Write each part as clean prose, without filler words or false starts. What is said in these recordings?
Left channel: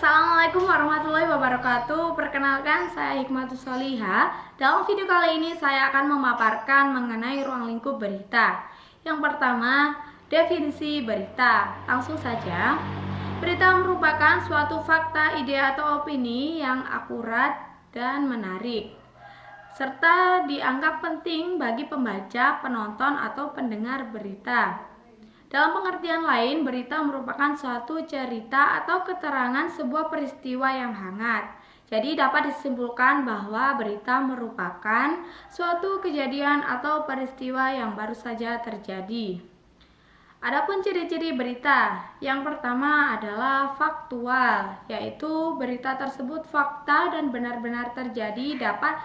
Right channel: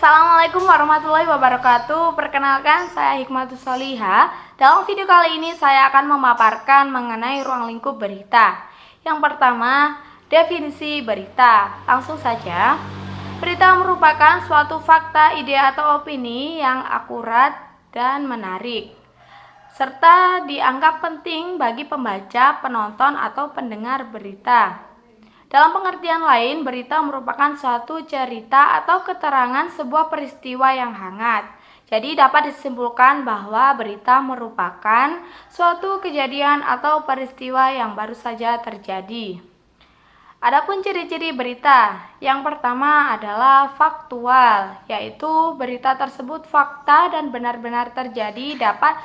Assalamualaikum warahmatullahi wabarakatuh. Perkenalkan, saya Hikmatus Soliha. Dalam video kali ini saya akan memaparkan mengenai ruang lingkup berita. Yang pertama, definisi berita. Langsung saja. Berita merupakan suatu fakta, ide atau opini yang akurat dan menarik, serta dianggap penting bagi pembaca, penonton, atau pendengar berita. Dalam pengertian lain, berita merupakan suatu cerita atau keterangan sebuah peristiwa yang hangat. Jadi dapat disimpulkan bahwa berita merupakan suatu kejadian atau peristiwa yang baru saja terjadi. Adapun ciri-ciri berita, yang pertama adalah faktual, yaitu berita tersebut fakta dan benar-benar terjadi, dapat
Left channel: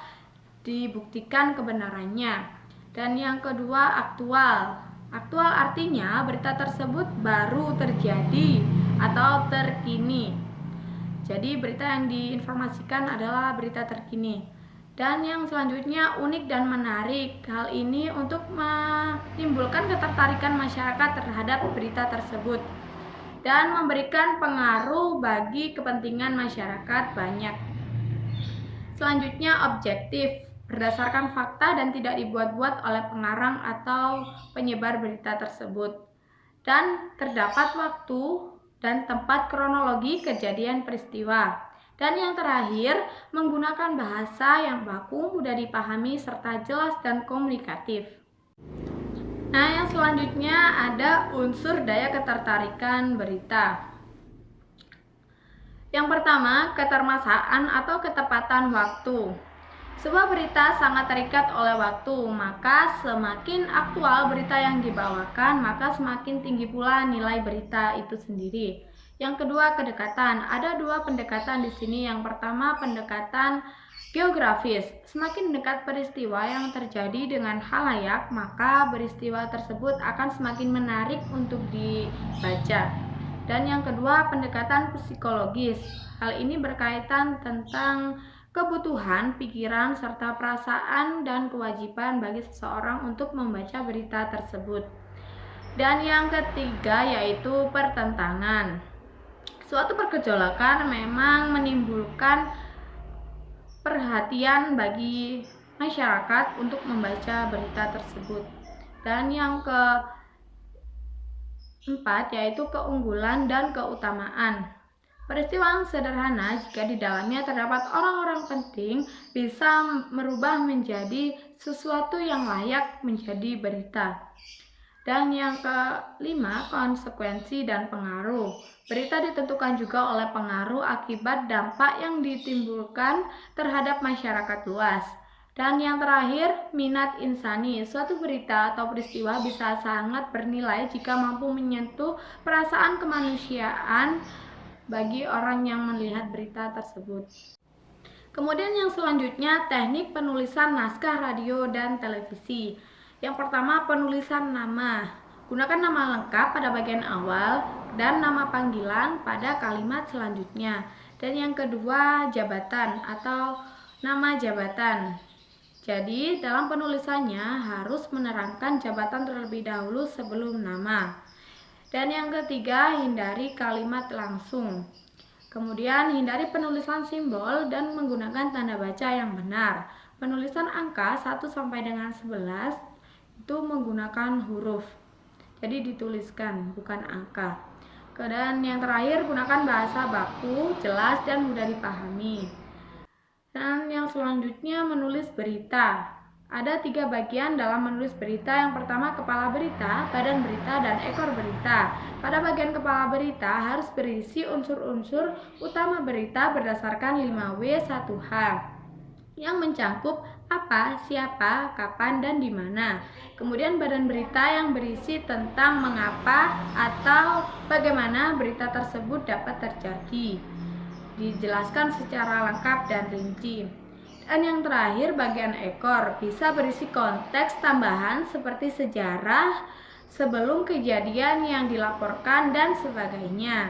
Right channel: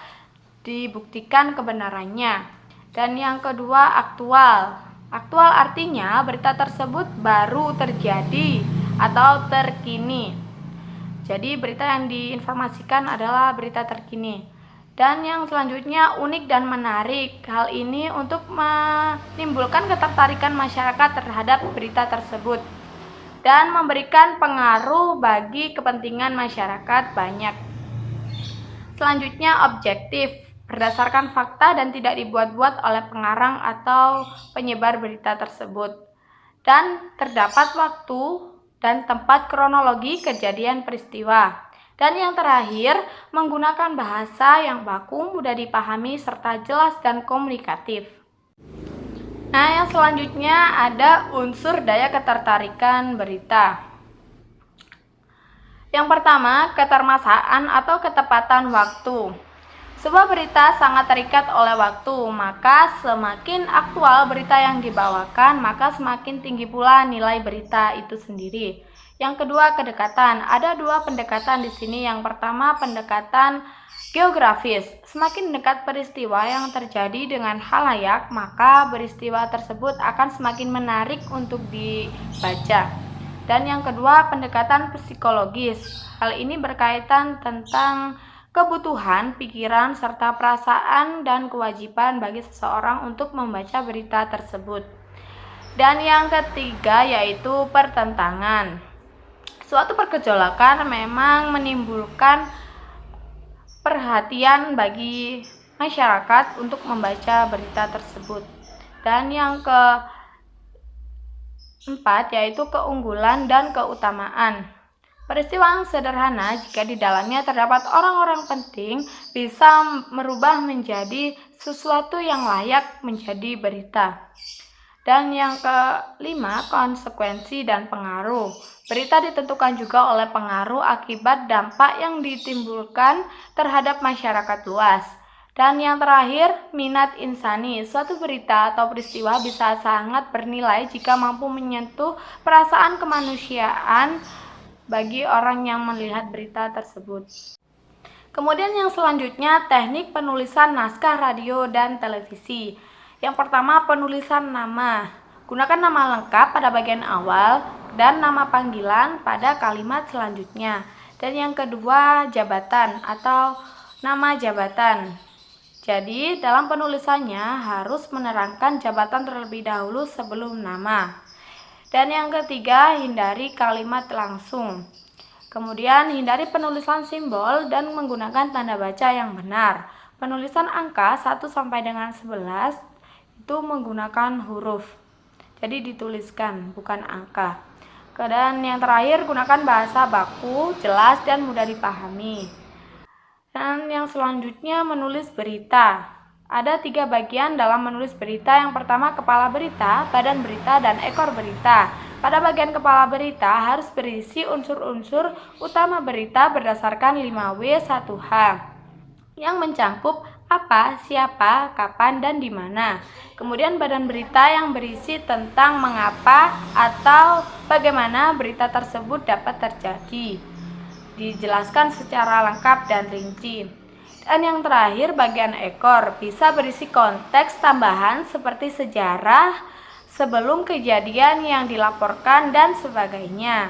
dibuktikan kebenarannya. Dan yang kedua, aktual. Aktual artinya berita tersebut baru terjadi atau terkini. Jadi berita yang diinformasikan adalah berita terkini. Dan yang selanjutnya, unik dan menarik. Hal ini untuk menimbulkan ketertarikan masyarakat terhadap berita tersebut dan memberikan pengaruh bagi kepentingan masyarakat banyak. Selanjutnya, objektif, berdasarkan fakta dan tidak dibuat-buat oleh pengarang atau penyebar berita tersebut, dan terdapat waktu dan tempat kronologi kejadian peristiwa. Dan yang terakhir, menggunakan bahasa yang baku, mudah dipahami, serta jelas dan komunikatif. Nah, yang selanjutnya ada unsur daya ketertarikan berita. Yang pertama, ketermasaan atau ketepatan waktu. Sebuah berita sangat terikat oleh waktu, maka semakin aktual berita yang dibawakan, maka semakin tinggi pula nilai berita itu sendiri. Yang kedua, kedekatan. Ada dua pendekatan di sini. Yang pertama, pendekatan geografis. Semakin dekat peristiwa yang terjadi dengan khalayak, maka peristiwa tersebut akan semakin menarik untuk dibaca. Dan yang kedua, pendekatan psikologis. Hal ini berkaitan tentang kebutuhan, pikiran, serta perasaan dan kewajiban bagi seseorang untuk membaca berita tersebut. Dan yang ketiga yaitu pertentangan. Suatu pergejolakan memang menimbulkan perhatian bagi masyarakat untuk membaca berita tersebut. Dan yang keempat yaitu keunggulan dan keutamaan. Peristiwa yang sederhana jika di dalamnya terdapat orang-orang penting bisa merubah menjadi sesuatu yang layak menjadi berita. Dan yang kelima, konsekuensi dan pengaruh. Berita ditentukan juga oleh pengaruh akibat dampak yang ditimbulkan terhadap masyarakat luas. Dan yang terakhir, minat insani. Suatu berita atau peristiwa bisa sangat bernilai jika mampu menyentuh perasaan kemanusiaan bagi orang yang melihat berita tersebut. Kemudian yang selanjutnya, teknik penulisan naskah radio dan televisi. Yang pertama, penulisan nama. Gunakan nama lengkap pada bagian awal dan nama panggilan pada kalimat selanjutnya. Dan yang kedua, jabatan atau nama jabatan. Jadi dalam penulisannya harus menerangkan jabatan terlebih dahulu sebelum nama. Dan yang ketiga, hindari kalimat langsung. Kemudian hindari penulisan simbol dan menggunakan tanda baca yang benar. Penulisan angka 1 sampai dengan 11 itu menggunakan huruf. Jadi dituliskan, bukan angka. Dan yang terakhir, gunakan bahasa baku, jelas dan mudah dipahami. Dan yang selanjutnya, menulis berita. Ada 3 bagian dalam menulis berita. Yang pertama, kepala berita, badan berita, dan ekor berita. Pada bagian kepala berita harus berisi unsur-unsur utama berita berdasarkan 5W1H yang mencakup apa, siapa, kapan, dan di mana. Kemudian badan berita yang berisi tentang mengapa atau bagaimana berita tersebut dapat terjadi. Dijelaskan secara lengkap dan rinci. Dan yang terakhir, bagian ekor bisa berisi konteks tambahan seperti sejarah sebelum kejadian yang dilaporkan dan sebagainya.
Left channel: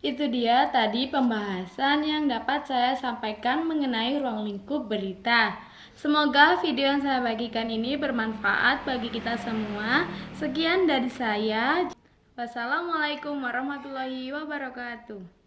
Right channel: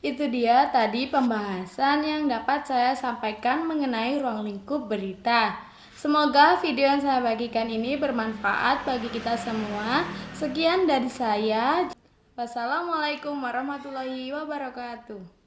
Itu dia tadi pembahasan yang dapat saya sampaikan mengenai ruang lingkup berita. Semoga video yang saya bagikan ini bermanfaat bagi kita semua. Sekian dari saya. Wassalamualaikum warahmatullahi wabarakatuh.